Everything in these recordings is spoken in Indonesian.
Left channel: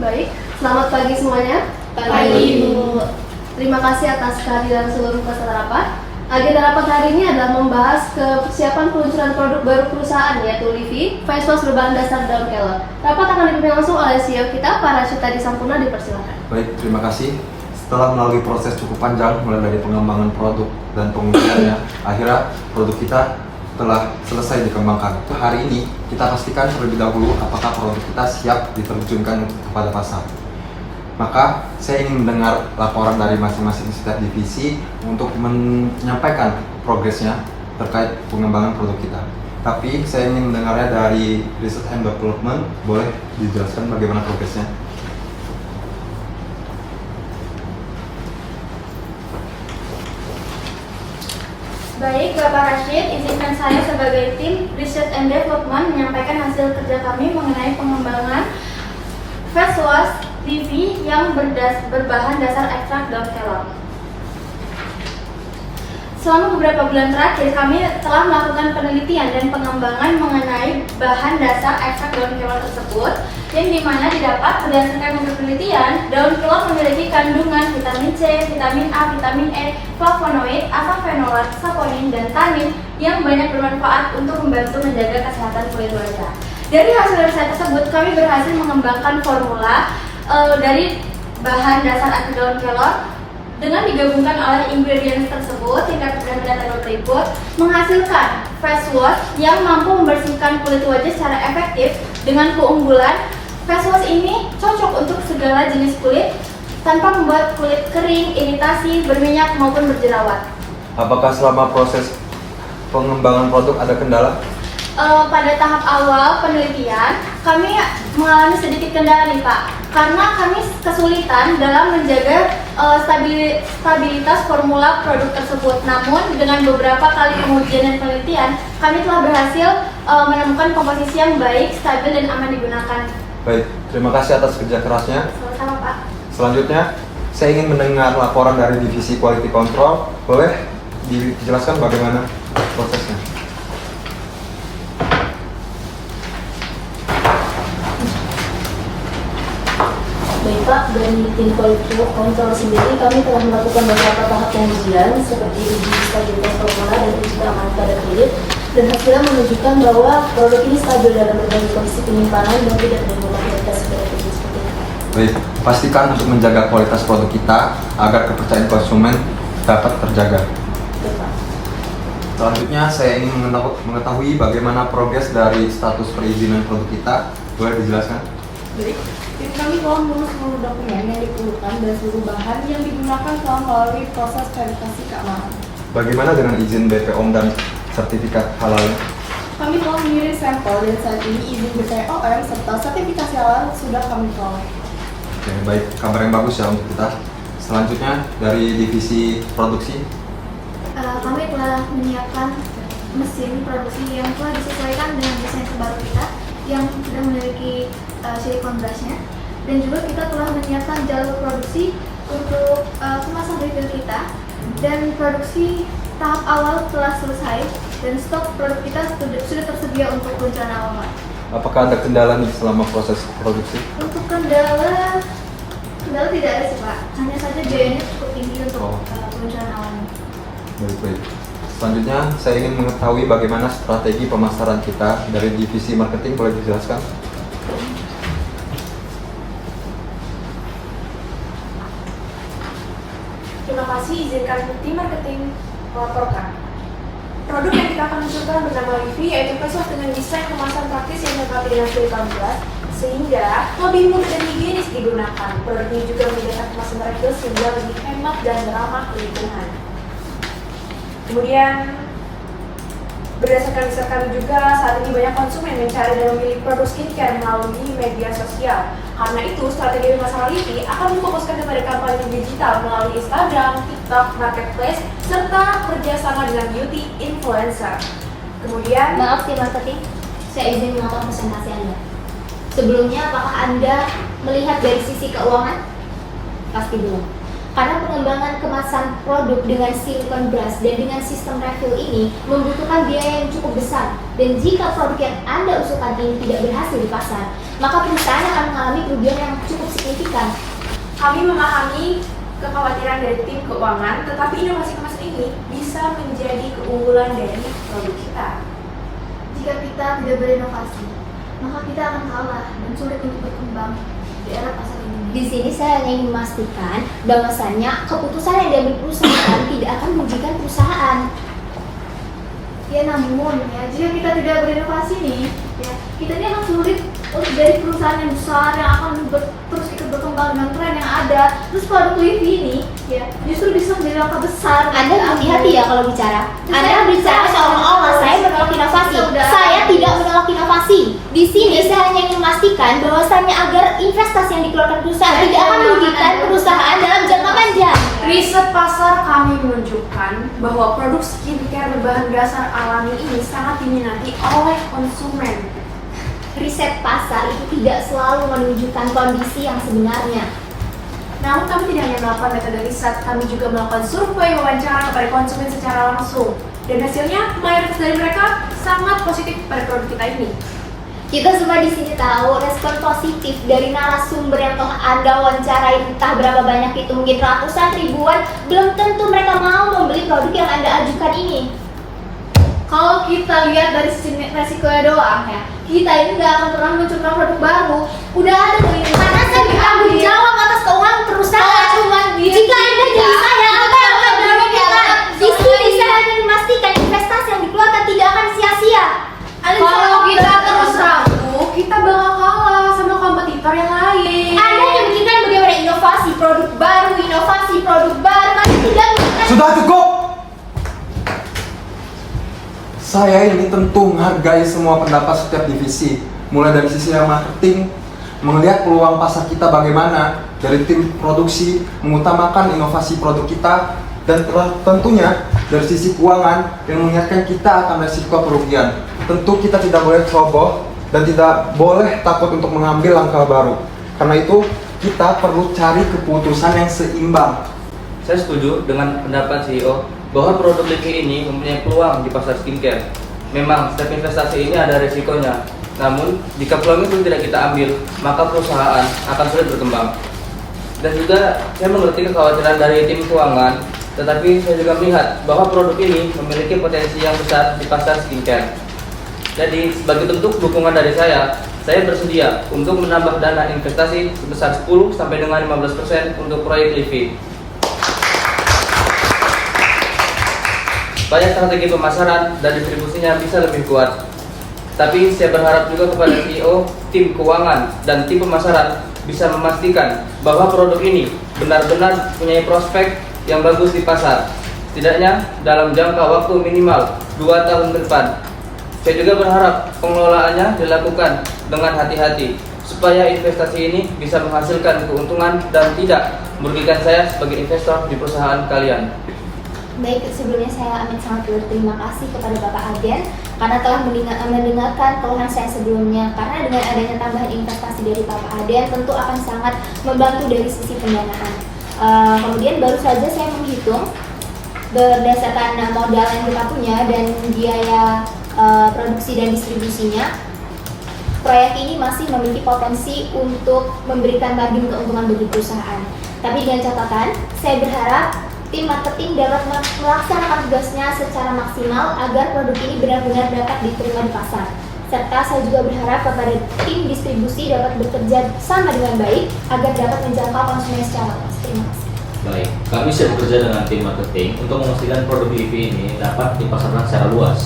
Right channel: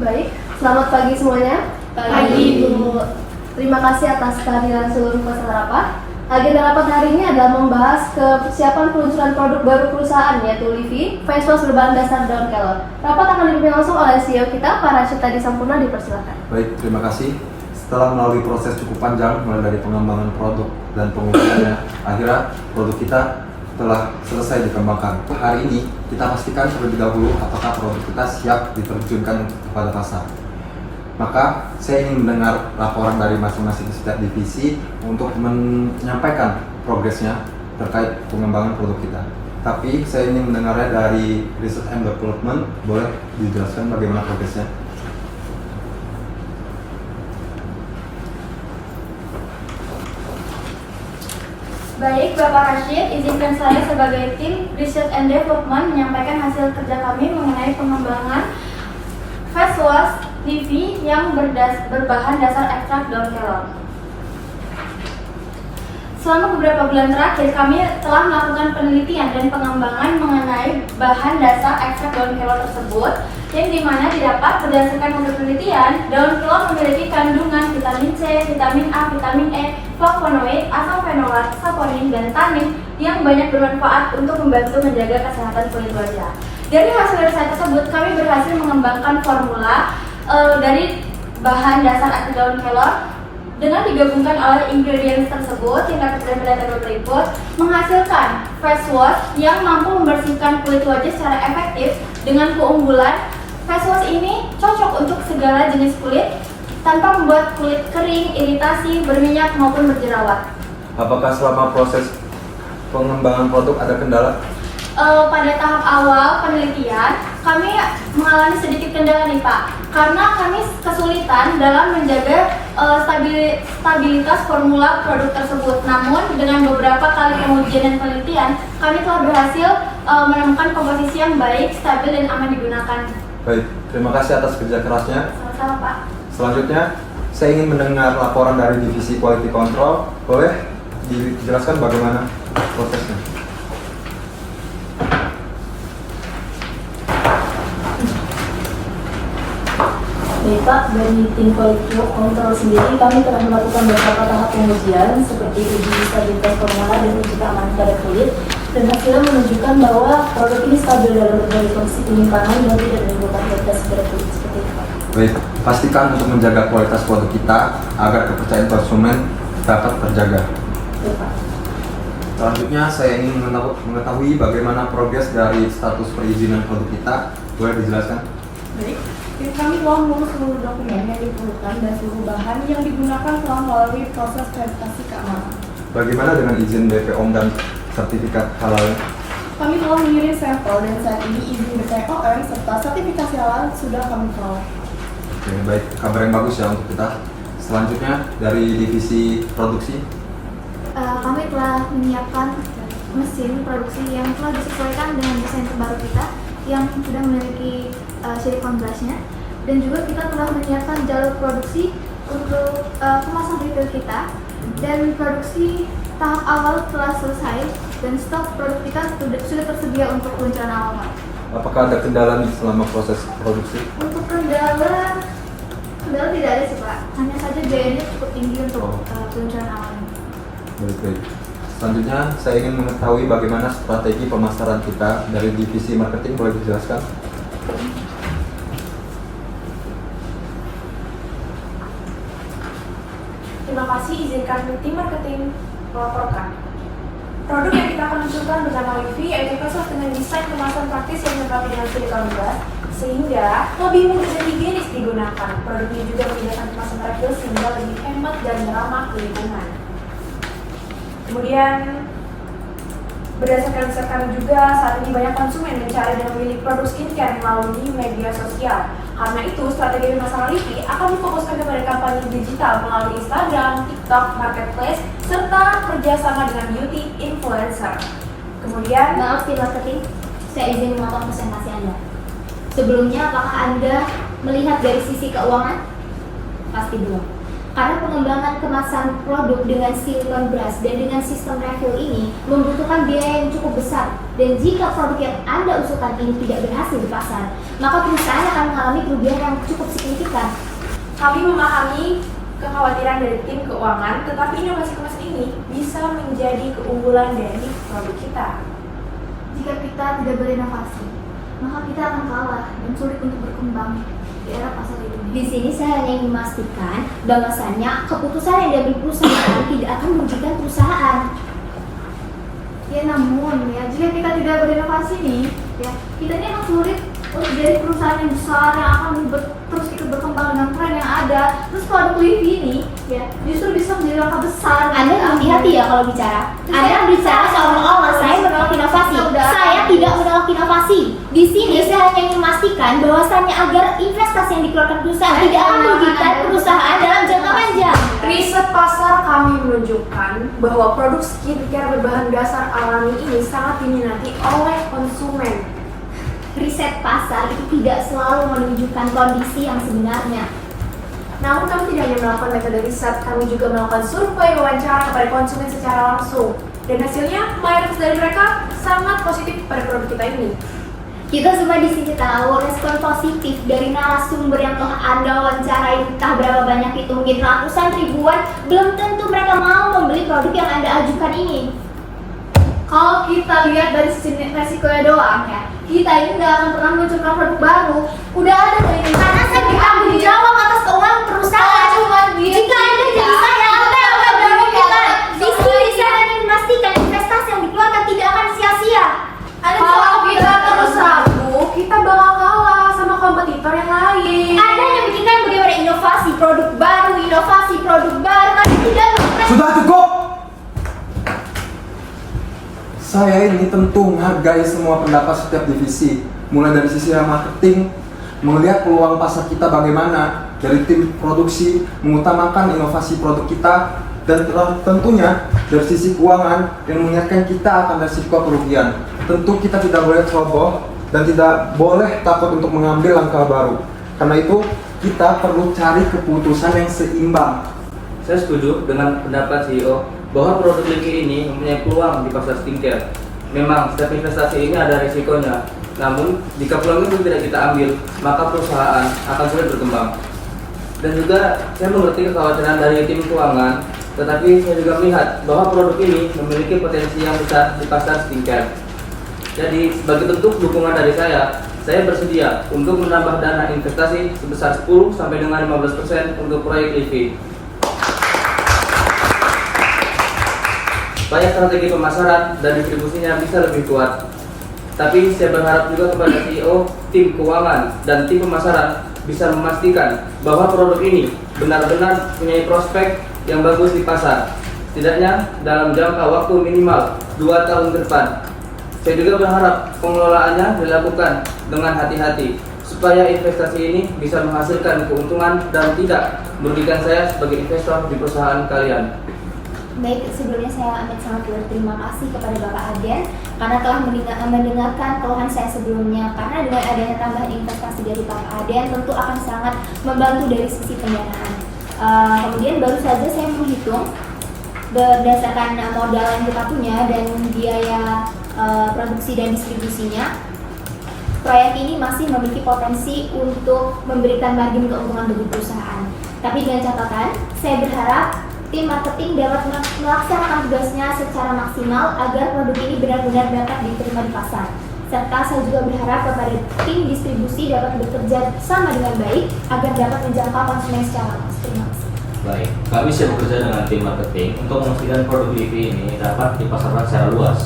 Baik, selamat pagi semuanya. Pagi, Bu. Terima kasih atas kehadiran seluruh peserta rapat. Agenda rapat hari ini adalah membahas persiapan peluncuran produk baru perusahaan yaitu Livi Face Wash berbahan dasar daun kelor. Rapat akan dipimpin langsung oleh CEO kita, Pak Rashid Tadi Sampurna, dipersilakan. Baik, terima kasih. Setelah melalui proses cukup panjang, mulai dari pengembangan produk dan pengujiannya, akhirnya produk kita telah selesai dikembangkan. Hari ini kita pastikan terlebih dahulu apakah produk kita siap diterjunkan kepada pasar. Maka saya ingin mendengar laporan dari masing-masing setiap divisi untuk menyampaikan progresnya terkait pengembangan produk kita. Tapi saya ingin mendengarnya dari Research and Development. Boleh dijelaskan bagaimana progresnya? Baik, Bapak Rashid, izinkan saya sebagai tim Research and Development menyampaikan hasil kerja kami mengenai pengembangan face wash Livi yang berbahan dasar ekstrak daun kelor. Selama beberapa bulan terakhir, kami telah melakukan penelitian dan pengembangan mengenai bahan dasar ekstrak daun kelor tersebut, yang dimana didapat berdasarkan hasil penelitian, daun kelor memiliki kandungan vitamin C, vitamin A, vitamin E, flavonoid, asam fenolat, saponin, dan tanin yang banyak bermanfaat untuk membantu menjaga kesehatan kulit wajah. Dari hasil riset tersebut, kami berhasil mengembangkan formula dari bahan dasar ekstrak daun kelor dengan digabungkan oleh ingredients tersebut yang dapat digunakan berikut menghasilkan face wash yang mampu membersihkan kulit wajah secara efektif. Dengan keunggulan, face wash ini cocok untuk segala jenis kulit tanpa membuat kulit kering, iritasi, berminyak maupun berjerawat. Apakah selama proses pengembangan produk ada kendala? Pada tahap awal penelitian, kami mengalami sedikit kendala nih Pak, karena kami kesulitan dalam menjaga stabilitas formula produk tersebut. Namun dengan beberapa kali pengujian dan penelitian, kami telah berhasil menemukan komposisi yang baik, stabil, dan aman digunakan. Baik, terima kasih atas kerja kerasnya. Sama-sama Pak. Selanjutnya, saya ingin mendengar laporan dari Divisi Quality Control. Boleh dijelaskan bagaimana prosesnya? Baik Pak, dari tim Quality Control sendiri kami telah melakukan beberapa tahap pengujian seperti uji stabilitas formula dan uji keamanan pada kulit, dan hasilnya menunjukkan bahwa produk ini stabil dalam berbagai kondisi penyimpanan dan tidak menimbulkan kualitas pada kulit seperti itu. Baik, pastikan untuk menjaga kualitas produk kita agar kepercayaan konsumen dapat terjaga. Baik Pak. Selanjutnya, saya ingin mengetahui bagaimana progres dari status perizinan produk kita. Boleh dijelaskan? Baik, tim kami telah mengurus seluruh dokumen yang diperlukan dan seluruh bahan yang digunakan telah melalui proses verifikasi keamanan. Bagaimana dengan izin BPOM dan sertifikat halal? Kami telah mengirim sampel dan saat ini izin BPOM serta sertifikasi halal sudah kami peroleh. Oke, baik. Kabar yang bagus ya untuk kita. Selanjutnya, dari divisi produksi. Kami telah menyiapkan mesin produksi yang telah disesuaikan dengan desain terbaru kita yang sudah memiliki silikon brushnya, dan juga kita telah menyiapkan jalur produksi untuk kemasan retail kita, dan produksi tahap awal telah selesai dan stok produk kita sudah tersedia untuk peluncuran awal. Apakah ada kendala nih selama proses produksi? Untuk kendala tidak ada sih Pak, hanya saja biayanya cukup tinggi untuk peluncuran awalnya. Baik. Selanjutnya, saya ingin mengetahui bagaimana strategi pemasaran kita dari divisi marketing. Boleh dijelaskan? Terima kasih, izinkan tim marketing melaporkan. Produk yang kita akan luncurkan bernama Livi yaitu face wash dengan desain kemasan praktis yang dilengkapi dengan silikon brush sehingga lebih mudah dan higienis digunakan. Produk ini juga menyediakan kemasan refill sehingga lebih hemat dan ramah lingkungan. Kemudian berdasarkan riset kami juga, saat ini banyak konsumen mencari dan memilih produk skincare melalui media sosial. Karena itu, strategi bersama Livi akan memfokuskan kepada kampanye digital melalui Instagram, TikTok, Marketplace, serta kerjasama dengan beauty influencer. Kemudian, Maaf tim marketing, saya izin memotong presentasi Anda. Sebelumnya, apakah Anda melihat dari sisi keuangan? Pasti belum. Karena pengembangan kemasan produk dengan silikon brush dan dengan sistem refill ini membutuhkan biaya yang cukup besar. Dan jika produk yang Anda usulkan ini tidak berhasil di pasar, maka perusahaan akan mengalami kerugian yang cukup signifikan. Kami memahami kekhawatiran dari tim keuangan, tetapi inovasi kemasan ini bisa menjadi keunggulan dari produk kita. Jika kita tidak berinovasi, maka kita akan kalah dan sulit untuk berkembang di era pasar ini. Di sini saya hanya ingin memastikan bahwasannya keputusan yang diambil perusahaan tidak akan merugikan perusahaan. Ya namun ya, jika kita tidak berinovasi nih, ya kita ini akan sulit untuk jadi perusahaan yang besar yang akan terus ikut berkembang dengan tren yang ada. Terus produk Livi ini ya justru bisa menjadi langkah besar. Anda hati-hati ya kalau bicara. Anda bicara seolah-olah saya menolak inovasi. Saya tidak menolak inovasi. Di sini saya hanya ingin memastikan bahwasannya agar investasi yang dikeluarkan perusahaan tidak akan merugikan perusahaan dalam jangka panjang. Riset pasar kami menunjukkan bahwa produk skincare berbahan dasar alami ini sangat diminati oleh konsumen. Riset pasar itu tidak selalu menunjukkan kondisi yang sebenarnya. Namun kami tidak hanya melakukan metode riset, kami juga melakukan survei wawancara kepada konsumen secara langsung. Dan hasilnya, mayoritas dari mereka sangat positif pada produk kita ini. Kita semua di sini tahu respon positif dari narasumber yang telah Anda wawancarai, entah berapa banyak itu, mungkin ratusan ribuan, belum tentu mereka mau membeli produk yang Anda ajukan ini. Kalau kita lihat dari sisi resikonya doang ya, kita ini nggak akan pernah meluncurkan produk baru. Udah ada tuh ini. Karena saya bertanggung jawab atas keuangan perusahaan. Jika Anda jadi saya, apa yang akan dilakukan? Di sini saya ingin memastikan investasi yang dikeluarkan tidak akan sia-sia. Kalau kita terus ragu, kita bakal kalah sama kompetitor yang lain. Anda hanya memikirkan bagaimana inovasi produk baru, tapi tidak memikirkan. Sudah cukup! Saya ini tentu menghargai semua pendapat setiap divisi, mulai dari sisi marketing, melihat peluang pasar kita bagaimana, dari tim produksi, mengutamakan inovasi produk kita, dan tentunya dari sisi keuangan yang mengingatkan kita akan resiko kerugian. Tentu kita tidak boleh ceroboh dan tidak boleh takut untuk mengambil langkah baru. Karena itu kita perlu cari keputusan yang seimbang. Saya setuju dengan pendapat CEO bahwa produk Livi ini mempunyai peluang di pasar skincare. Memang setiap investasi ini ada resikonya. Namun jika peluang itu tidak kita ambil, maka perusahaan akan sulit berkembang. Dan juga saya mengerti kekhawatiran dari tim keuangan, tetapi saya juga melihat bahwa produk ini memiliki potensi yang besar di pasar skincare. Jadi sebagai bentuk dukungan dari saya bersedia untuk menambah dana investasi sebesar 10 sampai dengan 15% untuk proyek Livi. Supaya strategi pemasaran dan distribusinya bisa lebih kuat. Tapi saya berharap juga kepada CEO, tim keuangan, dan tim pemasaran bisa memastikan bahwa produk ini benar-benar punya prospek yang bagus di pasar. Setidaknya dalam jangka waktu minimal 2 tahun ke depan. Saya juga berharap pengelolaannya dilakukan dengan hati-hati supaya investasi ini bisa menghasilkan keuntungan dan tidak merugikan saya sebagai investor di perusahaan kalian. Baik, sebelumnya saya amat sangat berterima kasih kepada Bapak Aden karena telah mendengarkan keluhan saya sebelumnya. Karena dengan adanya tambahan investasi dari Bapak Aden tentu akan sangat membantu dari sisi pendanaan. Kemudian baru saja saya menghitung berdasarkan modal yang kita punya dan biaya produksi dan distribusinya. Proyek ini masih memiliki potensi untuk memberikan margin keuntungan bagi perusahaan. Tapi dengan catatan, saya berharap tim marketing dapat melaksanakan tugasnya secara maksimal agar produk ini benar-benar dapat diterima di pasar. Serta saya juga berharap kepada tim distribusi dapat bekerja sama dengan baik agar dapat menjangkau konsumen secara luas. Terima kasih. Baik, kami siap bekerja dengan tim marketing untuk memastikan produk Livi ini dapat dipasarkan secara luas.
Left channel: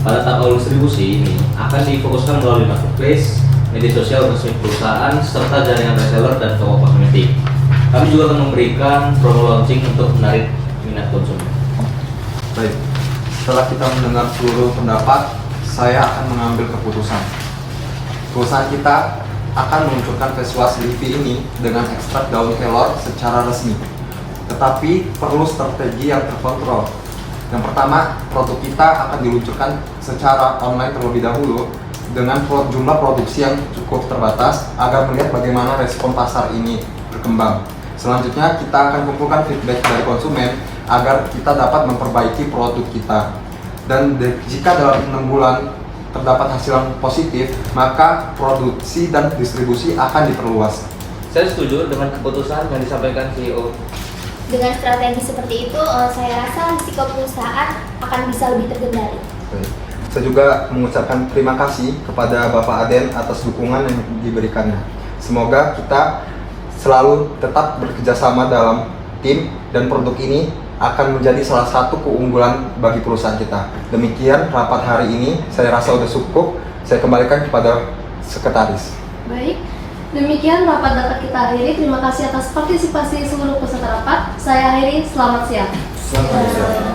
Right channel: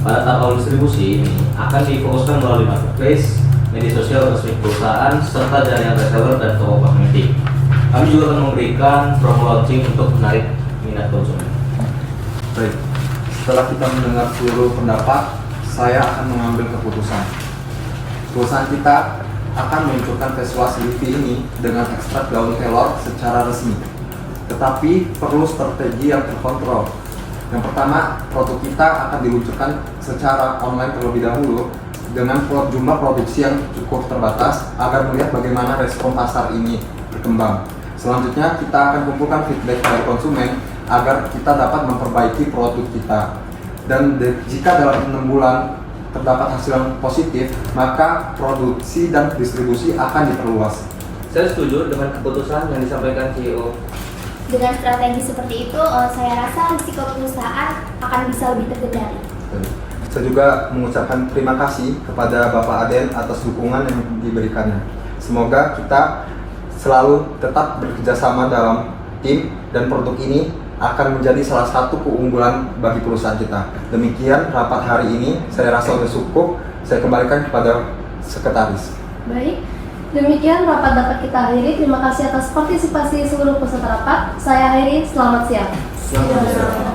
Pada tahap awal distribusi ini akan difokuskan melalui marketplace, media sosial resmi perusahaan, serta jaringan reseller dan toko kosmetik. Kami juga akan memberikan promo launching untuk menarik minat konsumen. Baik, setelah kita mendengar seluruh pendapat, saya akan mengambil keputusan. Perusahaan kita akan meluncurkan face wash Livi ini dengan ekstrak daun kelor secara resmi. Tetapi perlu strategi yang terkontrol. Yang pertama, produk kita akan diluncurkan secara online terlebih dahulu dengan jumlah produksi yang cukup terbatas agar melihat bagaimana respon pasar ini berkembang. Selanjutnya kita akan kumpulkan feedback dari konsumen agar kita dapat memperbaiki produk kita. Dan jika dalam 6 bulan terdapat hasil yang positif, maka produksi dan distribusi akan diperluas. Saya setuju dengan keputusan yang disampaikan CEO. Dengan strategi seperti itu, saya rasa risiko perusahaan akan bisa lebih terkendali. Saya juga mengucapkan terima kasih kepada Bapak Aden atas dukungan yang diberikannya. Semoga kita selalu tetap bekerjasama dalam tim dan produk ini akan menjadi salah satu keunggulan bagi perusahaan kita. Demikian rapat hari ini, saya rasa sudah cukup. Saya kembalikan kepada sekretaris. Baik, demikian rapat dapat kita akhiri. Terima kasih atas partisipasi seluruh peserta rapat. Saya akhiri, selamat siang. Selamat siang.